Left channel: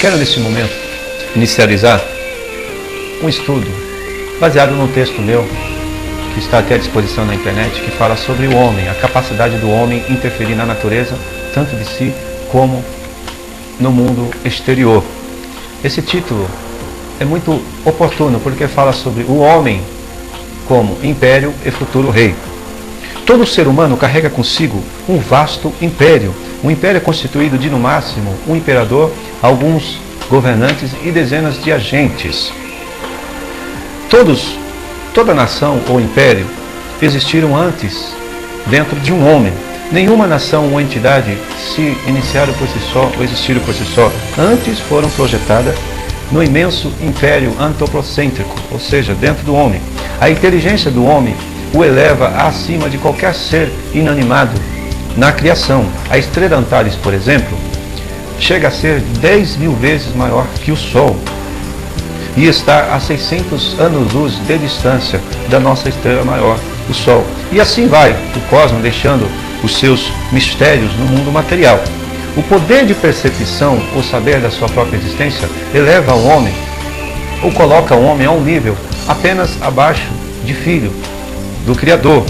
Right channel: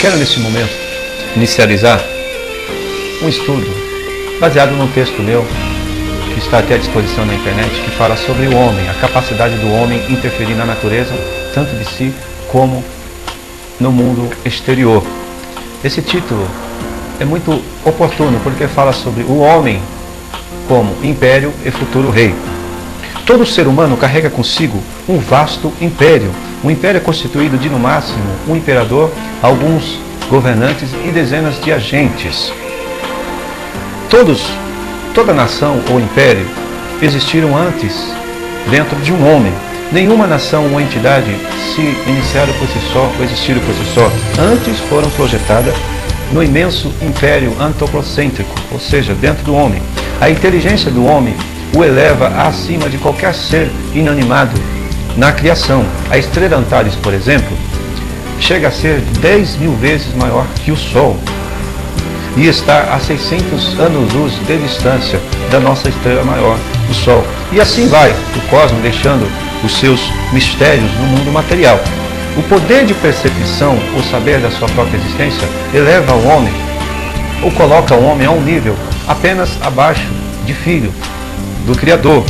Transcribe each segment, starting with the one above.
Quero nesse momento inicializar um estudo baseado num texto meu, que está até à disposição na internet, que fala sobre o homem, a capacidade do homem interferir na natureza, tanto de si como no mundo exterior. Esse título é muito oportuno, porque fala sobre o homem como império e futuro rei. Todo ser humano carrega consigo um vasto império. O império é constituído de, no máximo, um imperador, alguns governantes e dezenas de agentes. Toda nação ou império existiram antes dentro de um homem. Nenhuma nação ou entidade se iniciaram por si só ou existiram por si só. Antes foram projetadas no imenso império antropocêntrico, ou seja, dentro do homem. A inteligência do homem o eleva acima de qualquer ser inanimado na criação. A estrela Antares, por exemplo, chega a ser 10.000 vezes maior que o Sol e está a 600 anos-luz de distância da nossa estrela maior, o Sol. E assim vai o cosmos deixando os seus mistérios no mundo material. O poder de percepção, o saber da sua própria existência, eleva o homem, ou coloca o homem a um nível apenas abaixo de filho do Criador,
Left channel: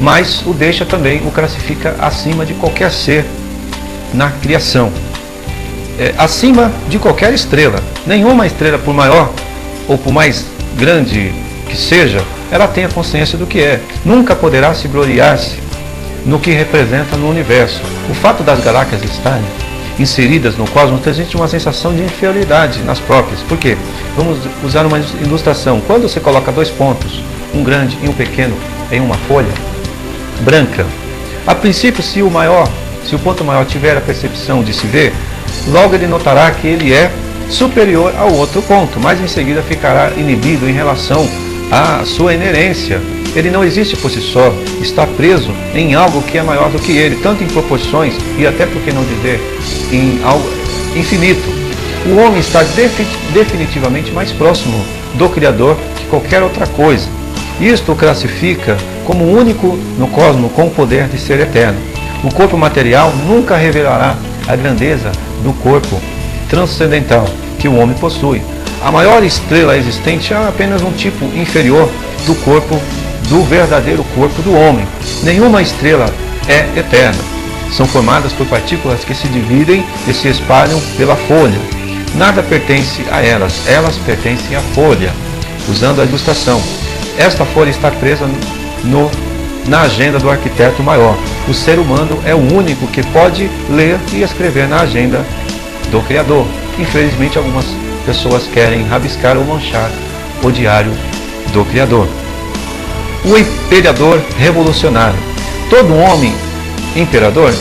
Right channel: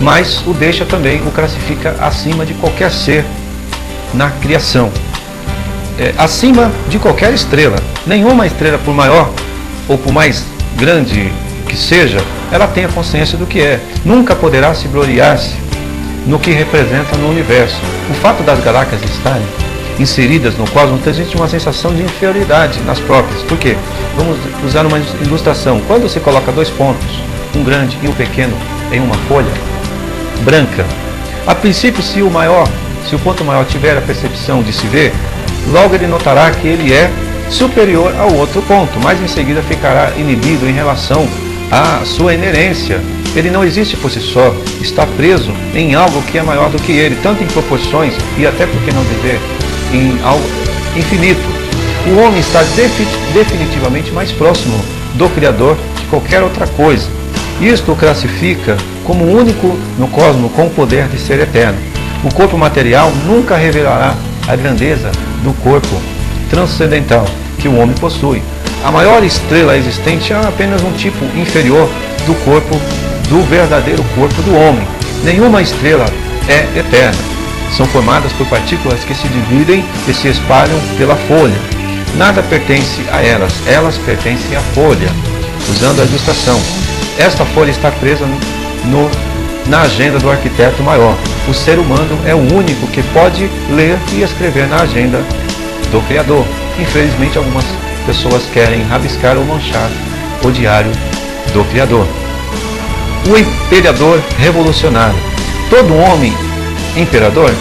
mas o deixa também, o classifica acima de qualquer ser na criação, acima de qualquer estrela. Nenhuma estrela, por maior ou por mais grande que seja, ela tem a consciência do que é. Nunca poderá se gloriar-se no que representa no universo. O fato das galáxias estarem inseridas no cosmos transmite uma sensação de inferioridade nas próprias. Por quê? Vamos usar uma ilustração. Quando você coloca dois pontos, um grande e um pequeno, em uma folha branca, a princípio, se o ponto maior tiver a percepção de se ver, logo ele notará que ele é superior ao outro ponto, mas em seguida ficará inibido em relação à sua inerência. Ele não existe por si só, está preso em algo que é maior do que ele, tanto em proporções e até, por que não dizer, em algo infinito. O homem está definitivamente mais próximo do Criador que qualquer outra coisa. Isto o classifica como o único no cosmos com o poder de ser eterno. O corpo material nunca revelará a grandeza do corpo transcendental que o homem possui. A maior estrela existente é apenas um tipo inferior do corpo, do verdadeiro corpo do homem. Nenhuma estrela é eterna. São formadas por partículas que se dividem e se espalham pela folha. Nada pertence a elas, elas pertencem à folha, usando a ilustração. Esta folha está presa na agenda do arquiteto maior. O ser humano é o único que pode ler e escrever na agenda do Criador. Infelizmente, algumas pessoas querem rabiscar ou manchar o diário do Criador. O imperador revolucionário. Todo homem imperador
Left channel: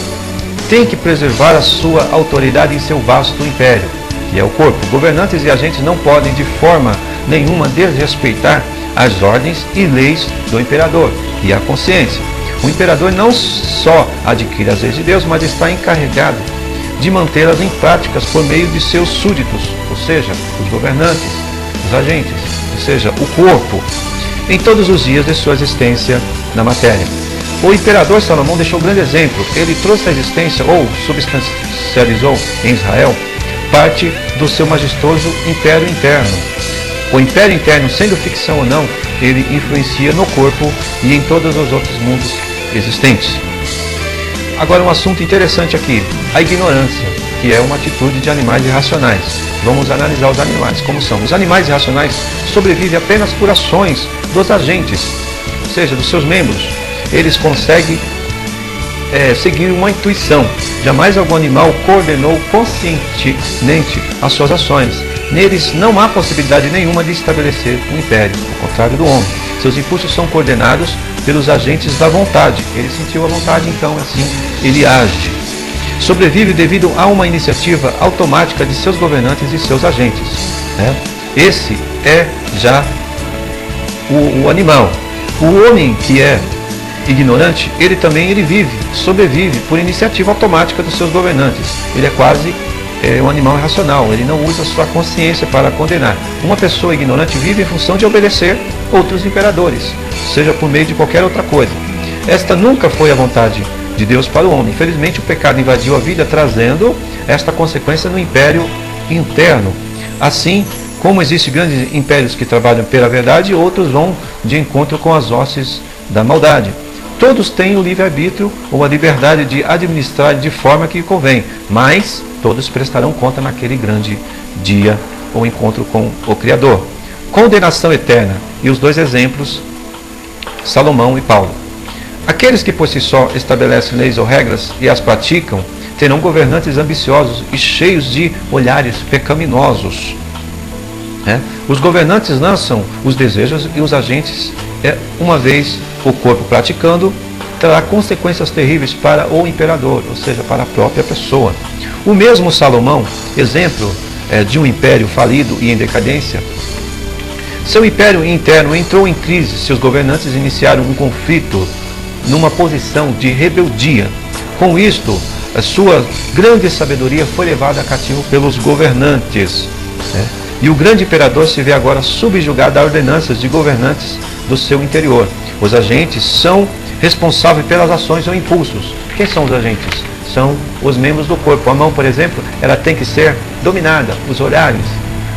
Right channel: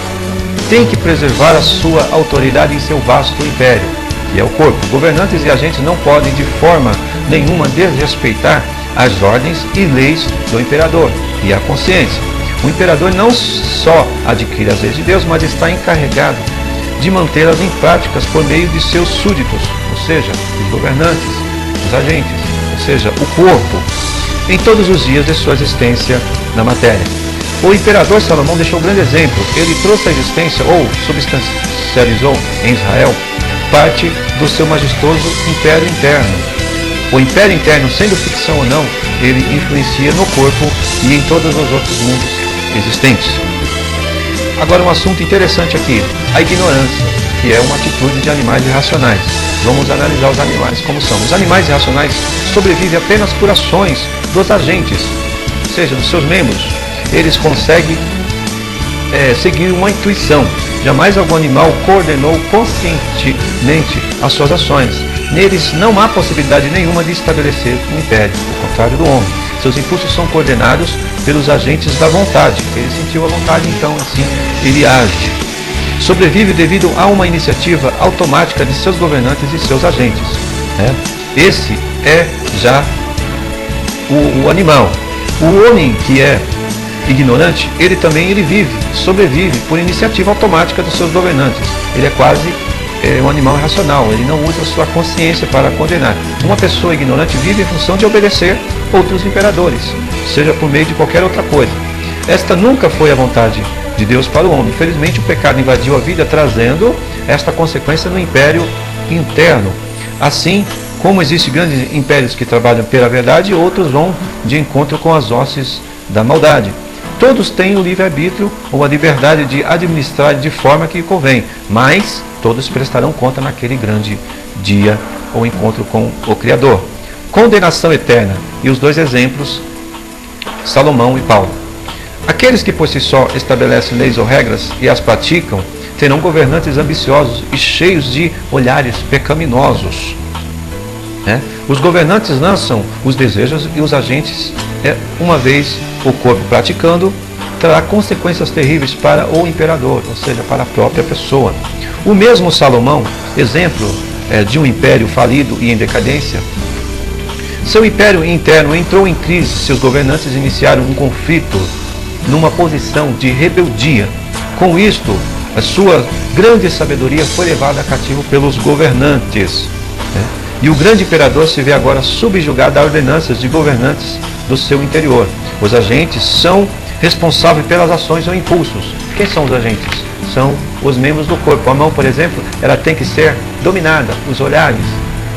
tem que preservar a sua autoridade em seu vasto império, que é o corpo. Governantes e agentes não podem de forma nenhuma desrespeitar as ordens e leis do imperador e a consciência. O imperador não só adquire as leis de Deus, mas está encarregado de mantê-las em práticas por meio de seus súditos, ou seja, os governantes, os agentes, ou seja, o corpo, em todos os dias de sua existência na matéria. O imperador Salomão deixou um grande exemplo. Ele trouxe à existência, ou substancializou em Israel, parte do seu majestoso império interno. O império interno, sendo ficção ou não, ele influencia no corpo e em todos os outros mundos existentes. Agora, um assunto interessante aqui, a ignorância, que é uma atitude de animais irracionais. Vamos analisar os animais como são. Os animais irracionais sobrevivem apenas por ações dos agentes, ou seja, dos seus membros. Eles conseguem seguir uma intuição. Jamais algum animal coordenou conscientemente as suas ações. Neles não há possibilidade nenhuma de estabelecer um império, ao contrário do homem. Seus impulsos são coordenados pelos agentes da vontade. Ele sentiu a vontade, então assim ele age. Sobrevive devido a uma iniciativa automática de seus governantes e seus agentes. Esse é já o animal. O homem que é ignorante, ele sobrevive por iniciativa automática dos seus governantes. Ele é quase um animal irracional, ele não usa sua consciência para condenar. Uma pessoa ignorante vive em função de obedecer outros imperadores, seja por meio de qualquer outra coisa. Esta nunca foi a vontade de Deus para o homem. Infelizmente, o pecado invadiu a vida, trazendo esta consequência no império interno. Assim como existem grandes impérios que trabalham pela verdade e outros vão de encontro com as hostes da maldade. Todos têm o livre-arbítrio ou a liberdade de administrar de forma que convém, mas todos prestarão conta naquele grande dia, o encontro com o Criador. Condenação eterna. E os dois exemplos, Salomão e Paulo. Aqueles que por si só estabelecem leis ou regras e as praticam, terão governantes ambiciosos e cheios de olhares pecaminosos. Os governantes lançam os desejos e os agentes, uma vez o corpo praticando, terá consequências terríveis para o imperador, ou seja, para a própria pessoa. O mesmo Salomão, exemplo de um império falido e em decadência, seu império interno entrou em crise. Seus governantes iniciaram um conflito numa posição de rebeldia. Com isto, a sua grande sabedoria foi levada cativo pelos governantes. E o grande imperador se vê agora subjugado a ordenanças de governantes do seu interior. Os agentes são responsáveis pelas ações ou impulsos. Quem são os agentes? São os membros do corpo. A mão, por exemplo, ela tem que ser dominada. Os olhares,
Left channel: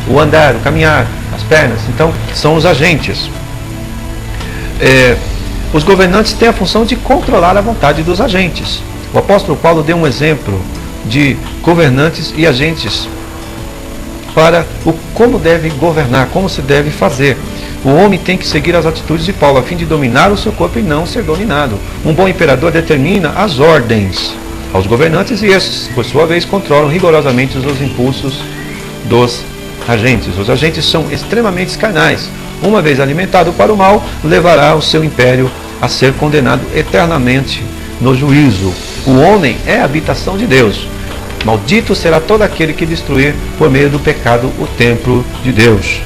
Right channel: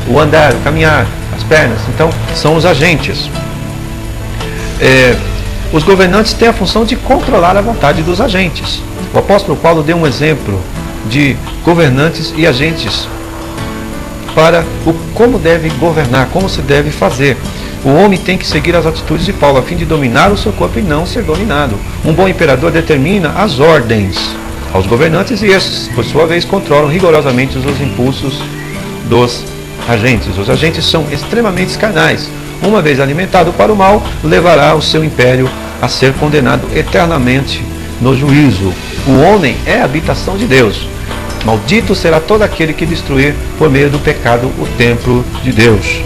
o andar, o caminhar, as pernas. Então, são os agentes. Os governantes têm a função de controlar a vontade dos agentes. O apóstolo Paulo deu um exemplo de governantes e agentes para como deve governar, como se deve fazer. O homem tem que seguir as atitudes de Paulo a fim de dominar o seu corpo e não ser dominado. Um bom imperador determina as ordens aos governantes e esses, por sua vez, controlam rigorosamente os impulsos dos agentes. Os agentes são extremamente carnais. Uma vez alimentado para o mal, levará o seu império a ser condenado eternamente no juízo. O homem é a habitação de Deus. Maldito será todo aquele que destruir por meio do pecado o templo de Deus.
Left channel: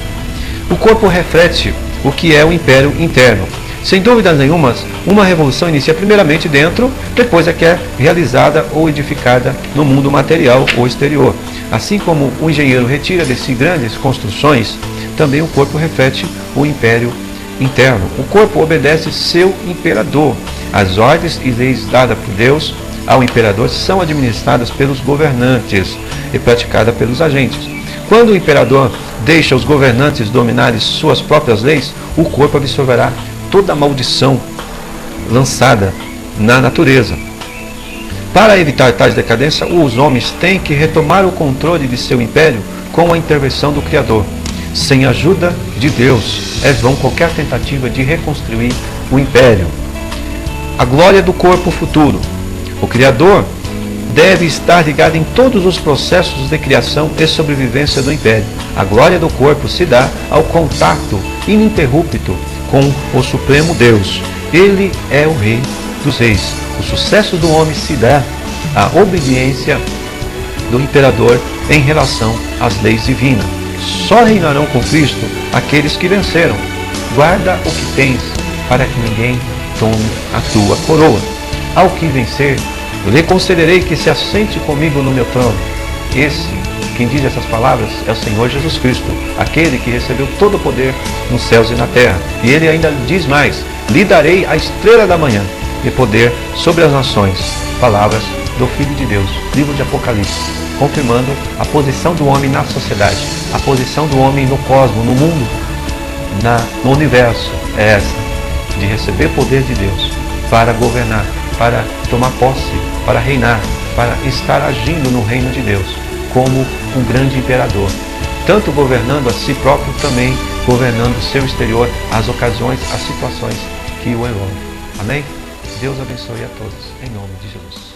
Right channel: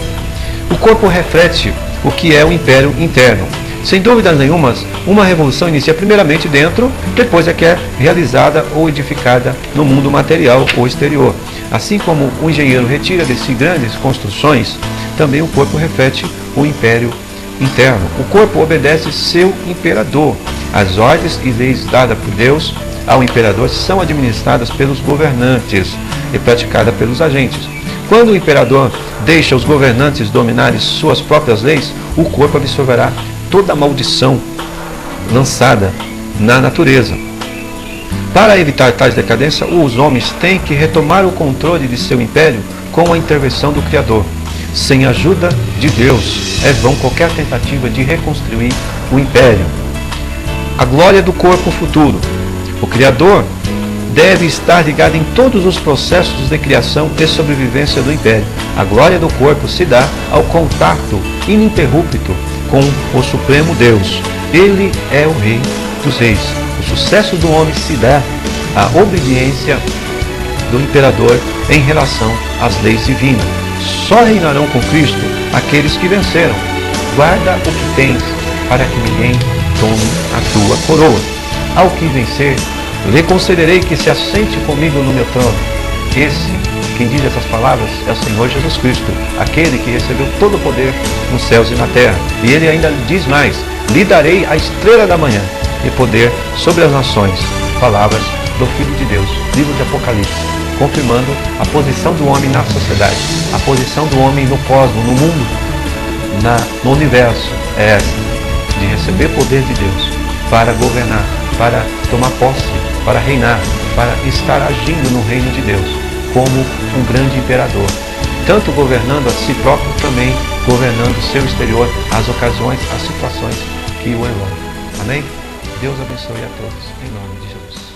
O corpo reflete o que é o império interno. Sem dúvida nenhuma, uma revolução inicia primeiramente dentro, depois é que é realizada ou edificada no mundo material ou exterior. Assim como o engenheiro retira de si grandes construções, também o corpo reflete o império interno. O corpo obedece seu imperador. As ordens e leis dadas por Deus ao imperador são administradas pelos governantes e praticadas pelos agentes. Quando o imperador deixa os governantes dominarem suas próprias leis, o corpo absorverá toda a maldição lançada na natureza. Para evitar tais decadência, os homens têm que retomar o controle de seu império com a intervenção do Criador. Sem a ajuda de Deus, é vão qualquer tentativa de reconstruir o império. A glória do corpo futuro. O Criador deve estar ligado em todos os processos de criação e sobrevivência do império. A glória do corpo se dá ao contato ininterrupto com o Supremo Deus. Ele é o Rei dos Reis. O sucesso do homem se dá à obediência do imperador em relação às leis divinas. Só reinarão com Cristo aqueles que venceram. Guarda o que tens, para que ninguém tome a tua coroa. Ao que vencer, lhe concederei que se assente comigo no meu trono. Esse, quem diz essas palavras, é o Senhor Jesus Cristo, aquele que recebeu todo o poder nos céus e na terra. E ele ainda diz mais: lhe darei a estrela da manhã e poder sobre as nações. Palavras do Filho de Deus, livro de Apocalipse, confirmando a posição do homem na sociedade, a posição do homem no cosmos, no mundo, no universo, é essa, de receber poder de Deus para governar, para tomar posse, para reinar, para estar agindo no reino de Deus, como um grande imperador, tanto governando a si próprio, também governando o seu exterior, as ocasiões, as situações que o envolvem. Amém? Deus abençoe a todos, em nome de Jesus.